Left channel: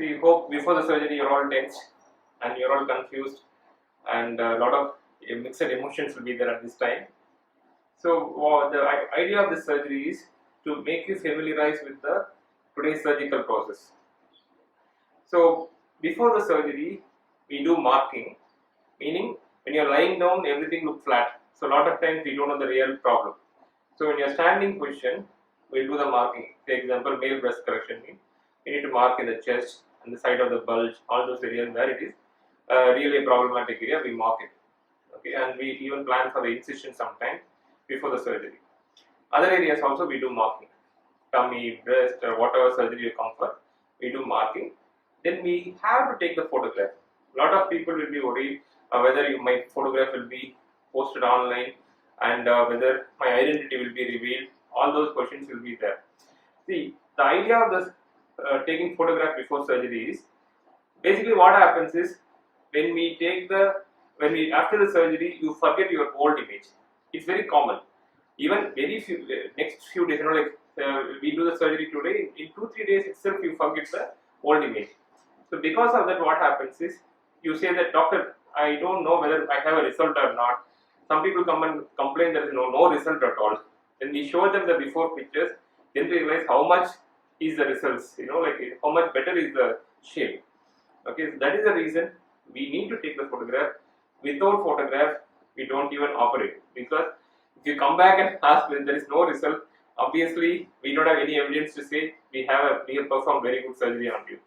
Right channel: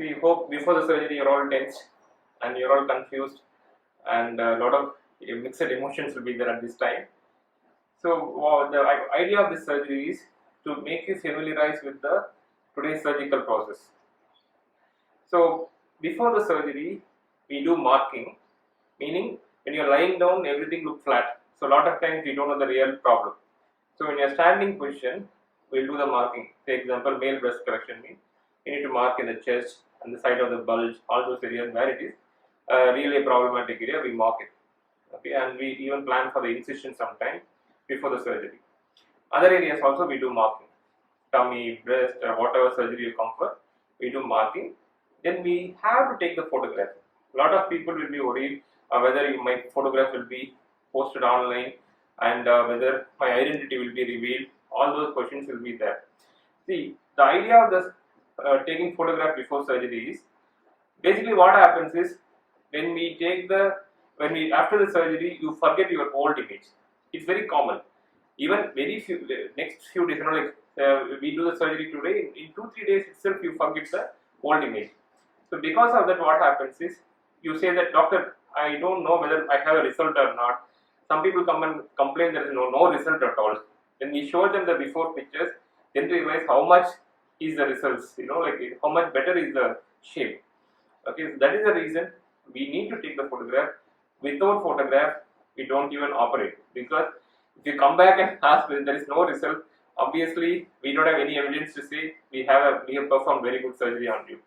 See, hope before the surgery you're all tense and you're all confused, and a lot of mixed emotions will be there at this time. So the idea of this surgery is to make you familiarize with the today's surgical process. So before the surgery, we do marking, meaning when you're lying down, everything looks flat. So a lot of times we don't know the real problem. So when you're standing position, we'll do the marking. For example, male breast correction means you need to mark in the chest and the side of the bulge, all those areas where it is really a problematic area, we mark it. Okay, and we even plan for the incision sometime before the surgery. Other areas also we do marking, tummy, breast, or whatever surgery you come for, we do marking. Then we have to take the photograph. A lot of people will be worried whether my photograph will be posted online and whether my identity will be revealed. All those questions will be there. See, the idea of this taking photograph before surgery is basically what happens is when we after the surgery you forget your old image. It's very common. Even very few next few days, we do the surgery today. In 2-3 days itself, you forget the old image. So because of that, what happens is you say that, doctor, I don't know whether I have a result or not. Some people come and complain there is no result at all. When we show them the before pictures, then they realize how much is the results. How much better is the shape. Okay, so that is the reason we need to take the photograph. Without photograph, we don't even operate, because if you come back and ask when there is no result, obviously we don't have any evidence to say we have performed very good surgery on you.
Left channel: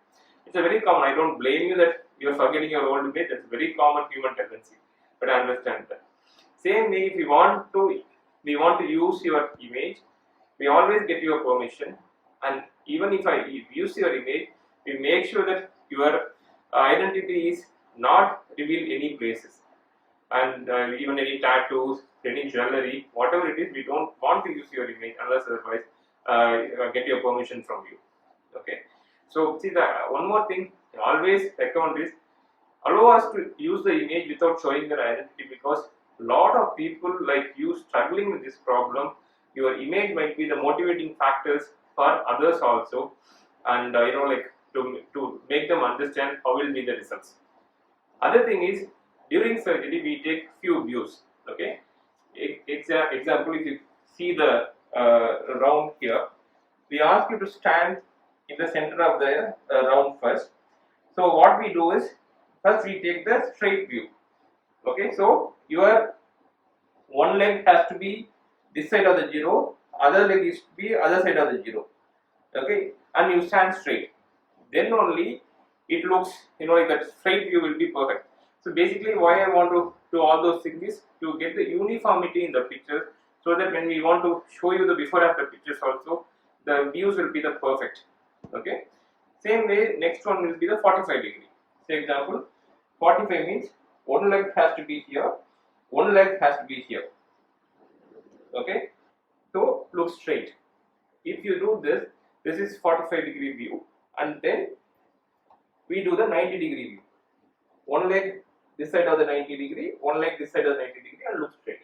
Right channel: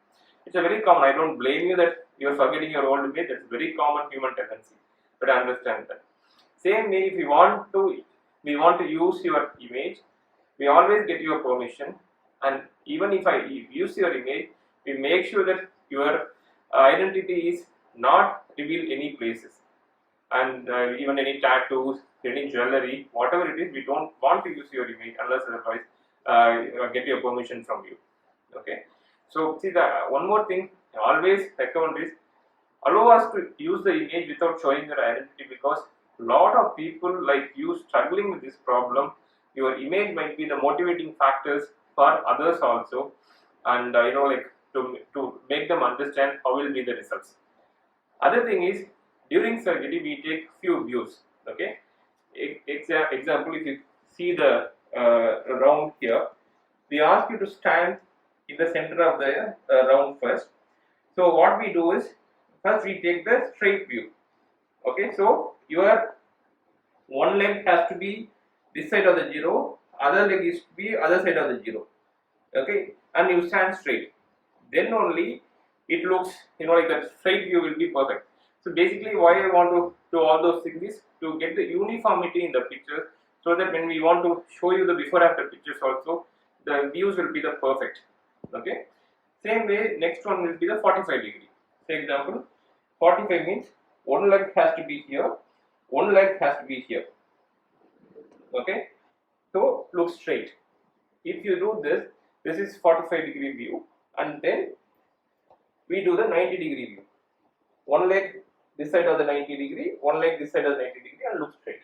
It's a very common. I don't blame you that you're forgetting your old image. It's a very common human tendency, but I understand that. Same way, if we want to use your image, we always get your permission, and even if I use your image, we make sure that your identity is not revealed any places, and even any tattoos, any jewelry, whatever it is, we don't want to use your image unless otherwise get your permission from you. Okay. So see, the one more thing I always recommend is allow us to use the image without showing your identity, because a lot of people like you struggling with this problem. Your image might be the motivating factors for others also, and to make them understand how will be the results. Other thing is, during surgery we take few views. Okay, example, if you see the round here, we ask you to stand in the center of the round first. So what we do is, first we take the straight view. Okay, so your one leg has to be this side of the zero, other leg is to be other side of the zero. Okay, and you stand straight. Then only it looks, like that straight view will be perfect. So basically, why I want to do all those things is to get the uniformity in the pictures, so that when we want to show you the before after pictures also, the views will be the perfect. Okay. Same way, next one will be the 45 degree. For example, 45 means one leg has to be here, one leg has to be here. Okay. So look straight. If you do this, this is 45 degree view, and then we do the 90 degree view. One leg this side of the 90 degree, one leg this side of the 90 degree, and look straight.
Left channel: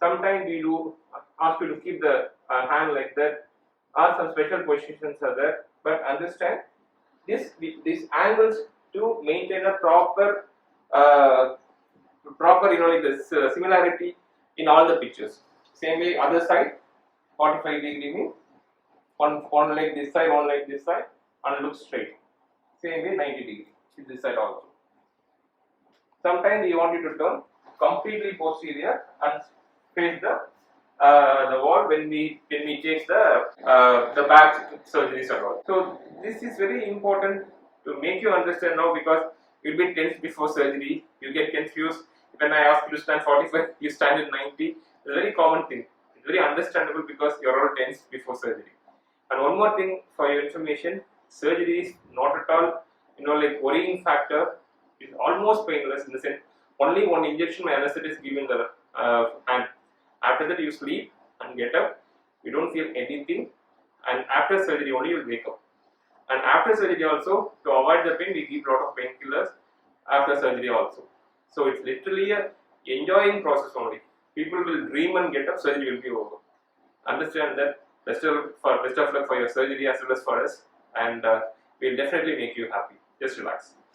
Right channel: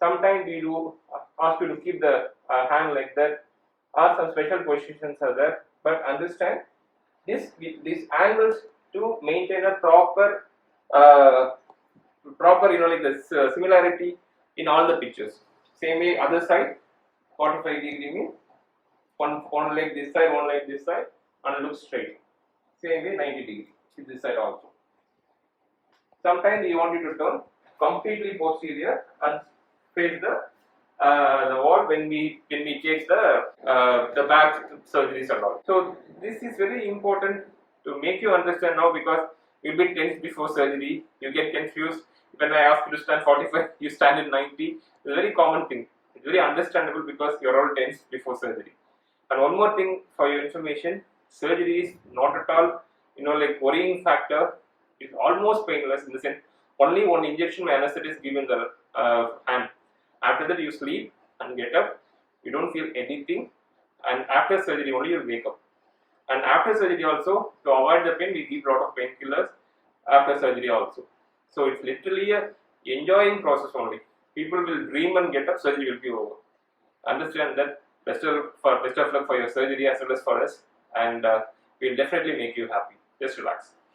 Sometimes we do ask you to keep the hand like that, or some special positions are there, but understand these angles to maintain a proper the similarity in all the pictures. Same way, other side, 45 degree means one leg this side, one leg this side, and look straight. Same way, 90 degree this side also. Sometimes we want you to turn completely posterior and face the wall when we take the back surgeries and all. So this is very important to make you understand now, because you'll be tense before surgery, you get confused. When I ask you to stand 45, you stand in 90. It's a very common thing. It's very understandable because you're all tense before surgery. And one more thing for your information, surgery is not at all worrying factor. It's almost painless, in the sense only one injection by anesthetic is given the hand. After that you sleep and get up, you don't feel anything, and after surgery only you wake up. And after surgery also, to avoid the pain, we give a lot of painkillers after surgery also. So it's literally a enjoying process only. People will dream and get up, surgery will be over. Understand that. Best of luck for your surgery as well as for us, and We'll definitely make you happy. Just relax.